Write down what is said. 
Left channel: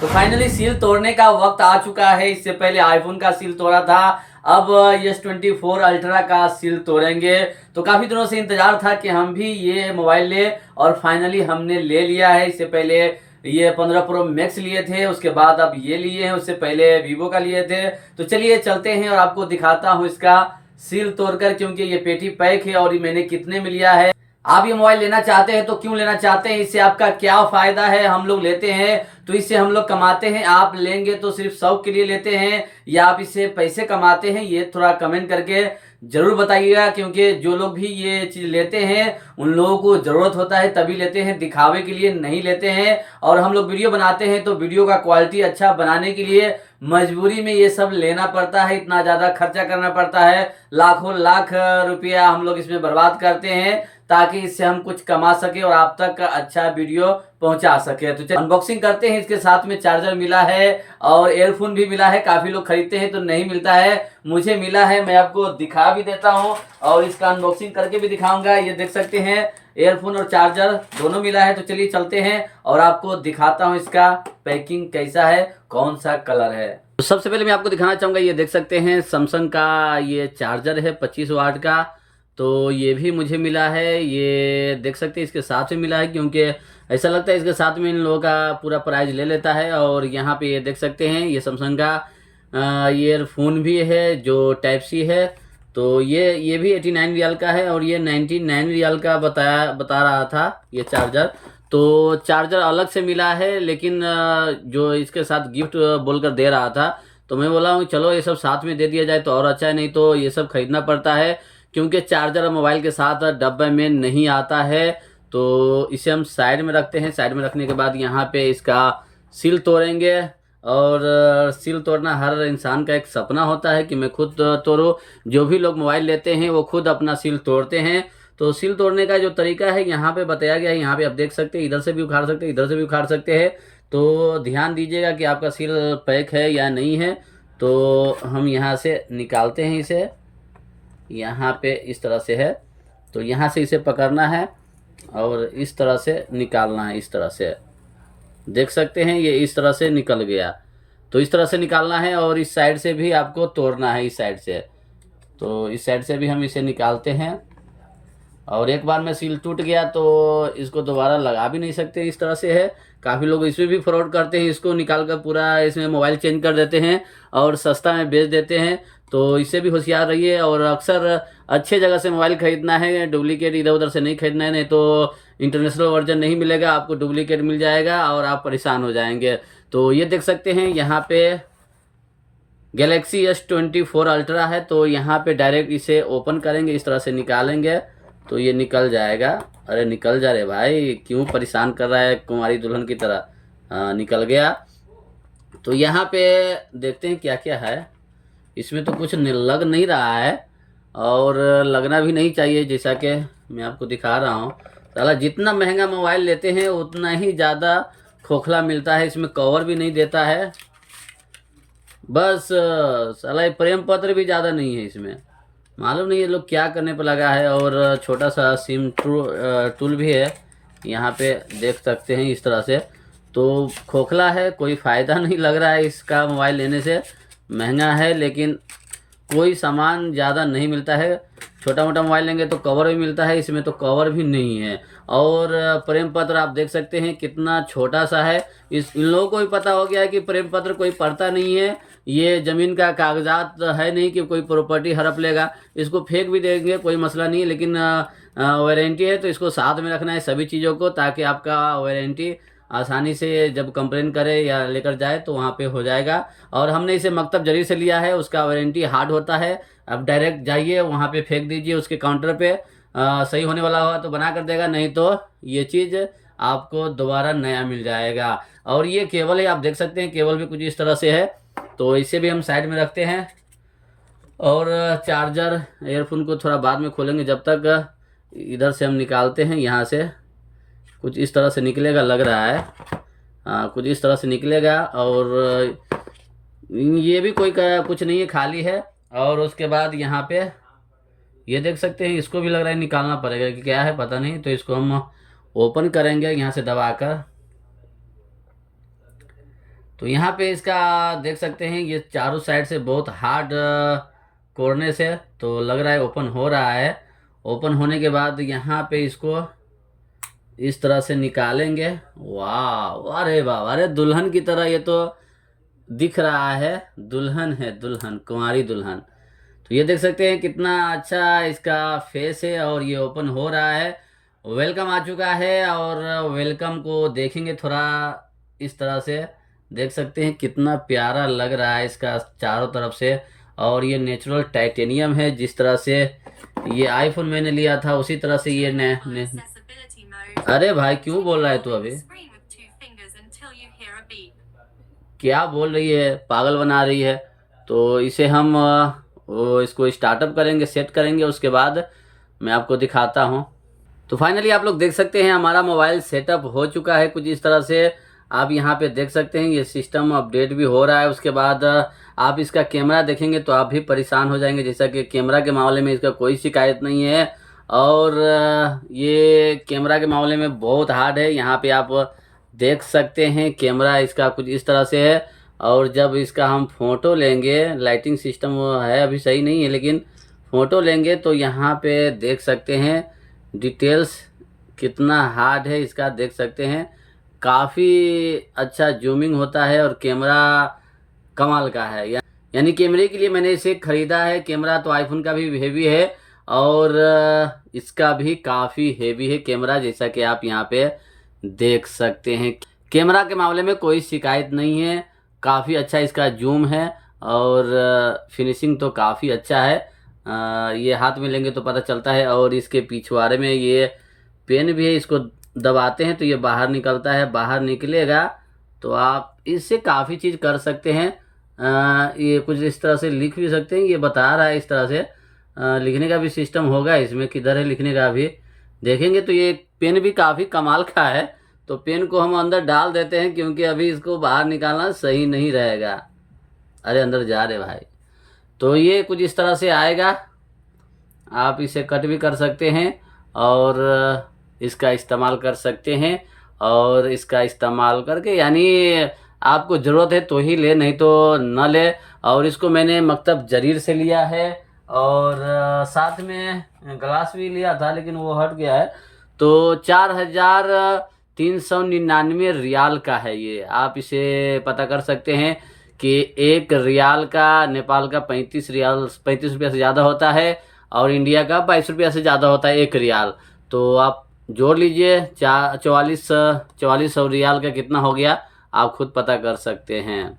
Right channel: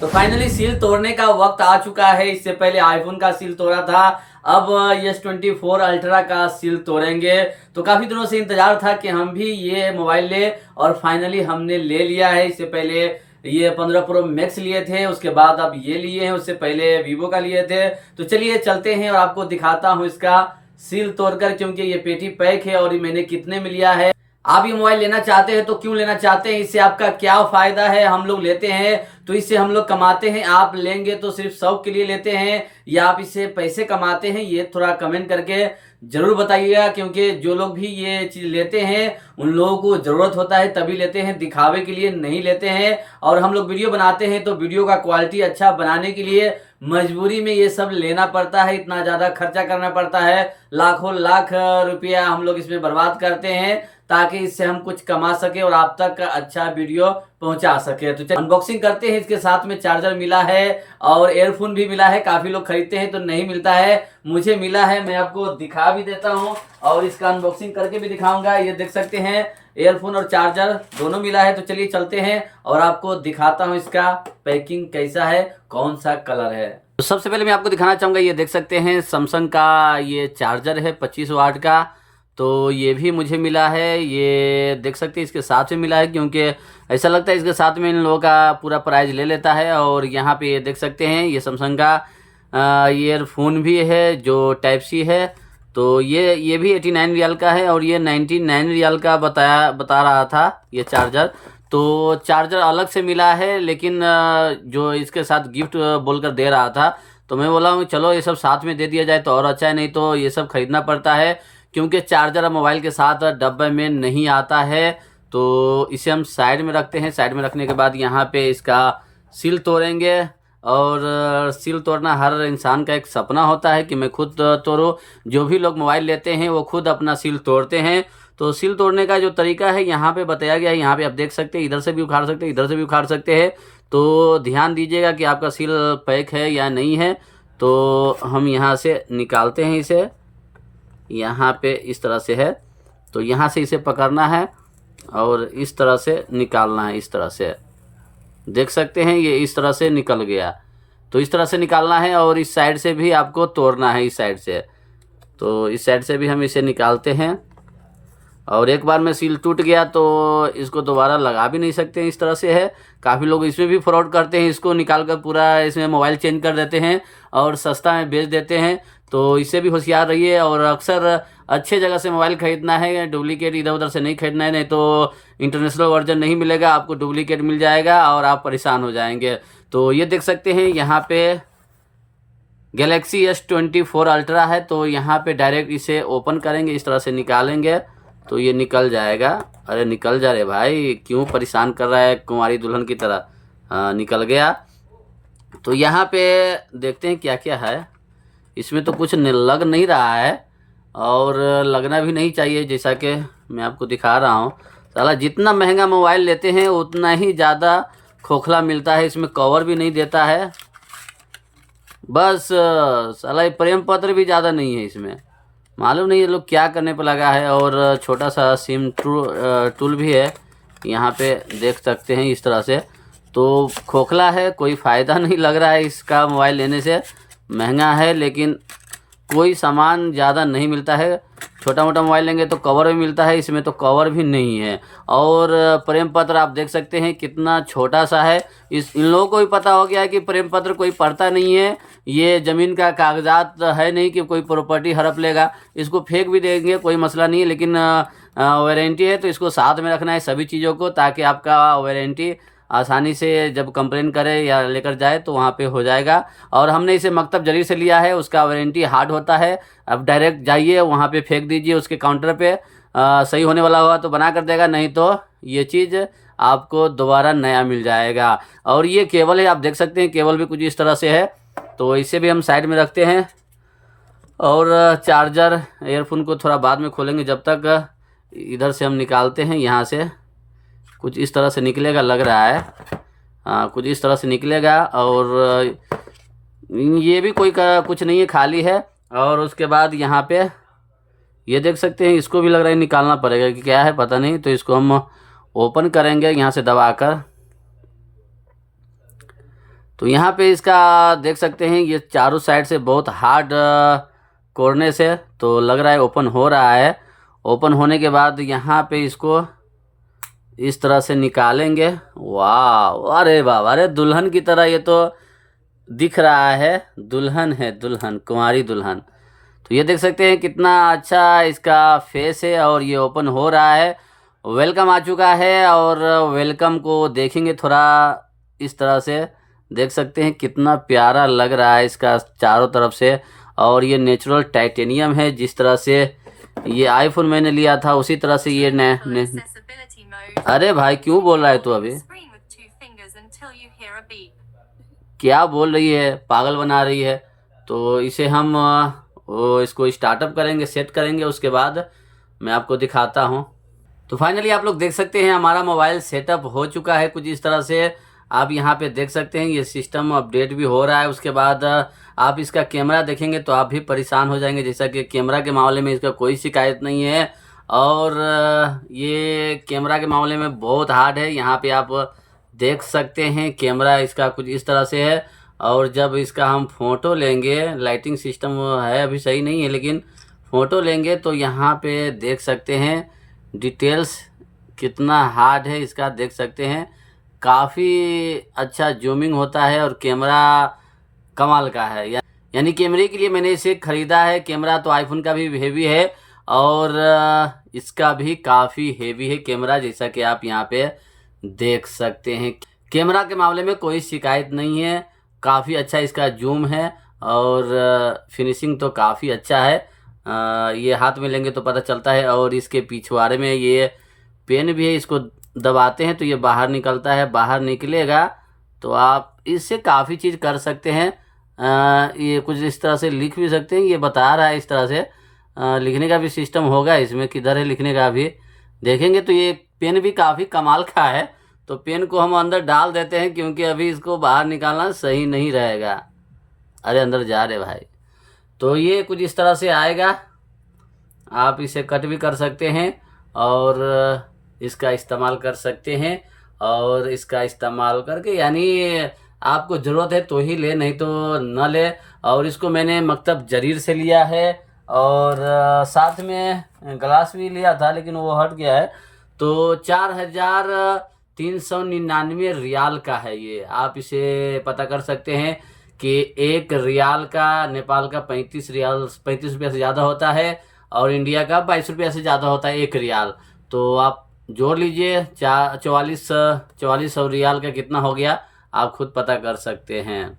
तो finally seal तोड़ने का वक्त आ चुका है। इससे पहले आईफोन का सील तोड़ा था, अब S24 अल्ट्रा का सील तोड़ेंगे। तो काफ़ी दिनों से इंतज़ार था कि हम भी ये मोबाइल ले, और फाइनली हमने ले लिया है। इससे पहले ये 15 प्रो मैक्स लिए थे, उसके बाद अब ये लिए हैं, उससे पहले वीवो का लिए थे। तो चलिए चलते हैं और आपको दिखाता हूँ इसका सील तोड़कर, क्योंकि ये पेटी पैक है और ये मैंने कितने में लिया है। आप ये मोबाइल लेना चाहते हैं तो क्यों लेना चाहते हैं, इससे आपका क्या फायदा है। हम लोग लेते हैं तो इससे हम लोग कमाते हैं, आप लेंगे तो सिर्फ शौक के लिए लेते हैं या आप इससे पैसे कमाते हैं, ये थोड़ा कमेंट करके जरूर बताइएगा। क्योंकि जो लोग भी ये चीज लेते हैं उन लोगों को जरूरत होता है तभी लेते हैं, दिखावे के लिए नहीं लेते हैं। और हम लोग वीडियो बनाते हैं तो वीडियो का क्वालिटी अच्छा बनाने के लिए मजबूरी में ये सब लेना पड़ता है, इतना ज्यादा खर्चा करना पड़ता है, लाखों लाख रुपया हम लोग इसमें बर्बाद करते हैं ताकि इससे हम कुछ कमा सके और आप तक अच्छा वीडियो पहुंचा सके। तो अनबॉक्सिंग करते हैं। इसके साथ में चार्जर मिला है और एयरफोन भी मिला है। काफी लोग खरीदते हैं तो नहीं मिलता है, मुझे मिला है, मैं आपको दिखा भी देता हूं और इसका अनबॉक्सिंग करके भी दिखाऊंगा। ये देख सकते हैं एयरफोन और चार्जर दोनों मिला है। तो चलिए चलते हैं और आपको दिखाता हूँ इसका पैकिंग कैसा है, कौन सा कलर है। तो सबसे पहले मैं आपको दिखाना चाहूंगा, ये देख सकते हैं सैमसंग का ये चार्जर है 25 वाट का। तो ये भी मुझे मिला है, ये देख सकते हैं इसके साथ में मिला है, क्योंकि ऐसा लगता है इसके साथ में इन लोगों का पूरा प्राइस ले लेता है। और यहाँ पे ये देख सकते हैं ये सैमसंग का ईयरफोन भी है जो टाइप सी है। तो ये भी 89 रियाल का है और ये 99 रियाल का बता रहा था ये चार्जर। तो चार्जर अलग से मिला है, लेकिन जो इसके साथ गिफ्ट बोलकर दे रहा था, तो मैं बोला हूँ चलो ये सब साथ में दे दिया जाए तो और अच्छा है, नहीं तो ये सब खरीदना पड़ता है क्योंकि चार्जर मोबाइल के साथ डब्बे में नहीं आता है। तो इसे हम साइड में रखते हैं। साइड में रखने के बाद यहाँ पे इसका सील तोड़ेंगे। और सील तोड़ना हर इंसान का एक सपना होता है कि मैं खुद तोड़ूं। जो भी लोग मोबाइल लेते हैं वो खुद अपना सील तोड़ते हैं। तो सील तोड़ने का जो तरीका है यहाँ पे बताया गया है। यहाँ पे आप देख सकते हैं, इधर से भी उखाड़ सकते हैं, इधर से भी उखाड़ सकते हैं। तो ध्यान दीजिएगा कि आपका सील पैक है या नहीं है। तो हम यहाँ से निकालते हैं इसे, यहाँ पे इस तरह से है। तो यहाँ से इसे पकड़ना है और इस तरह से निकालना है। इस तरह से देख सकते हैं ये इस तरह से निकल गया। तो इस तरह से निकालना है और इस साइड से भी आपको तोड़ना है, इस साइड से। तो इस साइड से भी हम इसे निकालते हैं। और एक बार में सील टूट गया तो इसको दोबारा लगा भी नहीं सकते हैं, इस तरह से है। काफ़ी लोग इसमें भी फ्रॉड करते हैं, इसको निकाल कर पूरा इसमें मोबाइल चेंज कर देते हैं और सस्ता में बेच देते हैं। तो इससे भी होशियार रहिए और अक्सर अच्छे जगह से मोबाइल ख़रीदना है, डुप्लीकेट इधर उधर से नहीं खरीदना है, नहीं तो इंटरनेशनल वर्जन नहीं मिलेगा आपको, डुप्लीकेट मिल जाएगा और आप परेशान हो जाएंगे। तो ये देख सकते हैं यहाँ पे गैलेक्सी S24 अल्ट्रा है। तो यहाँ पे डायरेक्ट इसे ओपन करेंगे, इस तरह से निकालेंगे तो ये निकल जाएगा। अरे निकल जा रहे भाई, क्यों परेशान कर रहा है कुंवारी दुल्हन की तरह। हाँ निकल गया। तो यहाँ पे देखते हैं क्या क्या है। इसमें तो कुछ लग नहीं रहा है और लगना भी नहीं चाहिए, जैसा कि मैं आपको दिखा रहा हूँ। साला जितना महंगा मोबाइल लेते हैं उतना ही ज़्यादा खोखला मिलता है। इसमें कवर भी नहीं देता है, बस साला प्रेम पत्र भी ज़्यादा नहीं है इसमें। मालूम नहीं ये लोग क्या करने पर लगा है। और छोटा सा सिम टूल भी है, यहाँ पे देख सकते हैं इस तरह से। तो खोखला है, कोई फ़ायदा नहीं लग रहा है इसका मोबाइल लेने से। महंगा है लेकिन कोई सामान ज़्यादा नहीं मिलता है। छोटा मोटा मोबाइल लेंगे तो कवर भी मिलता है, इसमें तो कवर भी नहीं है। और प्रेम पत्र आप देख सकते हैं कितना छोटा सा है। इन लोगों को भी पता हो गया है कि प्रेम पत्र कोई पढ़ता नहीं है, ये ज़मीन का कागजात है नहीं कि कोई प्रॉपर्टी हड़प लेगा। इसको फेंक भी देंगे कोई मसला नहीं है, लेकिन वारंटी है तो इसको साथ में रखना है सभी चीज़ों को, ताकि आपका वारंटी आसानी से जब कंप्लेन करे या लेकर जाए तो वहाँ पे हो जाएगा। और हमने इसे मकतब जरी से लिया है, उसका वारंटी हार्ड होता है। अब डायरेक्ट जाइए वहाँ पे फेंक दीजिए उसके काउंटर पे, सही होने वाला होगा तो बना कर देगा, नहीं तो ये चीज़ आपको दोबारा नया मिल जाएगा। और ये केबल है, आप देख सकते हैं केबल भी कुछ इस तरह से है। तो इसे भी हम साइड में रखते हैं। और चार्जर एयरफोन को थोड़ा बाद में खोलेंगे, जब तक इधर से हम निकालते हैं। यहाँ से कुछ इस तरह से निकलेगा लग रहा है, कुछ इस तरह से निकलेगा। और ये भी कोई कुछ नहीं है, खाली है। और उसके बाद यहाँ पे ये देख सकते हैं, इसको भी लग रहा है निकालना पड़ेगा कि क्या है पता नहीं। तो इसको हम ओपन करेंगे यहाँ से दबाकर। तो यहाँ पे इसका देख सकते हैं ये चारों साइड से बहुत हार्ड कोरनेस है, तो लग रहा है ओपन हो रहा है। ओपन होने के बाद यहाँ पे इसको इस तरह से निकालेंगे। वाह, अरे बाबा, अरे दुल्हन की तरह ये तो दिख रहा है। दुल्हन है, दुल्हन, कुंवारी दुल्हन। तो ये देख सकते हैं कितना अच्छा इसका फेस है और ये ओपन हो रहा है। वेलकम आ चुका है और वेलकम को देखेंगे थोड़ा इस तरह से। देख सकते हैं कितना प्यारा लग रहा है इसका चारों तरफ से। और ये नेचुरल टाइटेनियम है, जिस तरह से ये आईफोन मैंने लिया था उसी तरह से ये अरे भाई क्यों बोल रहा है तू अभी? क्या बोल रही है, पागल बना रही है। तो इसे हम इसको स्टार्टअप करेंगे, सेट करेंगे, उसके बाद मैं आपको दिखाता हूँ। तो फाइनली आप लोग देख सकते हैं हमारा मोबाइल सेटअप हो चुका है कुछ इस तरह से। आप यहाँ पे देख सकते हैं ये सिस्टम अपडेट भी हो रहा है। उसके बाद आप इसका कैमरा देखेंगे तो आप भी परेशान हो जाएंगे, जैसा कि कैमरा के मामले में इसका कोई शिकायत नहीं है। और ये कैमरा के मामले में बहुत हार्ड है। यहाँ पे आप देख सकते हैं कैमरा इसका कुछ इस तरह से है। और जब इसका हम फ़ोटो लेंगे, लाइटिंग सिस्टम है अभी सही नहीं है, लेकिन फ़ोटो लेंगे तो यहाँ पे देख सकते हैं डिटेल्स कितना हार्ड है इसका। देख सकते हैं काफ़ी अच्छा जूमिंग होता है और कैमरा कमाल का है। यानी कैमरे के लिए मैंने इसे ख़रीदा है। कैमरा तो आईफोन का भी हेवी है और इसका भी काफ़ी हेवी है कैमरा, जैसा कि आप यहाँ पे देख सकते हैं। कैमरा के मामले में कोई शिकायत नहीं है, काफ़ी अच्छा इसका जूम है और फिनिशिंग तो काफ़ी अच्छा है। ये हाथ में लेंगे तो पता चलता है। और इसके पिछवाड़े में ये पेन भी है, इसको दबाते हैं तो ये बाहर निकलता है। बाहर निकलेगा तो आप इससे काफ़ी चीज़ कर सकते हैं। ये कुछ इस तरह से लिख भी सकते हैं, ये बता रहा है इस तरह से। लिखने का भी सिस्टम होगा इसमें, किधर है लिखने का अभी देखेंगे। तो ये पेन भी काफ़ी कमाल का है। तो पेन को हम अंदर डाल देते हैं क्योंकि अभी इसको बाहर निकालना सही नहीं रहेगा। अरे अंदर जा रहे भाई। तो ये कुछ इस तरह से आएगा। आप इसे कट भी कर सकते हैं और इसका इस्तेमाल कर सकते हैं। और इसका इस्तेमाल करके यानी आपको ज़रूरत है तो ही ले, नहीं तो न ले। और इसको मैंने मकतब जरीर से लिया है और साथ में ग्लास भी लिया था लेकिन वो हट गया है। तो 4,399 रियाल का है ये। आप इसे पता कर सकते हैं कि 1 रियाल का नेपाल का 35 रुपया से ज़्यादा होता है और इंडिया का 22 रुपया से ज़्यादा होता है 1 रियाल। तो आप जोड़ लीजिए 4400 रियाल का कितना हो गया, आप खुद पता कर सकते हैं।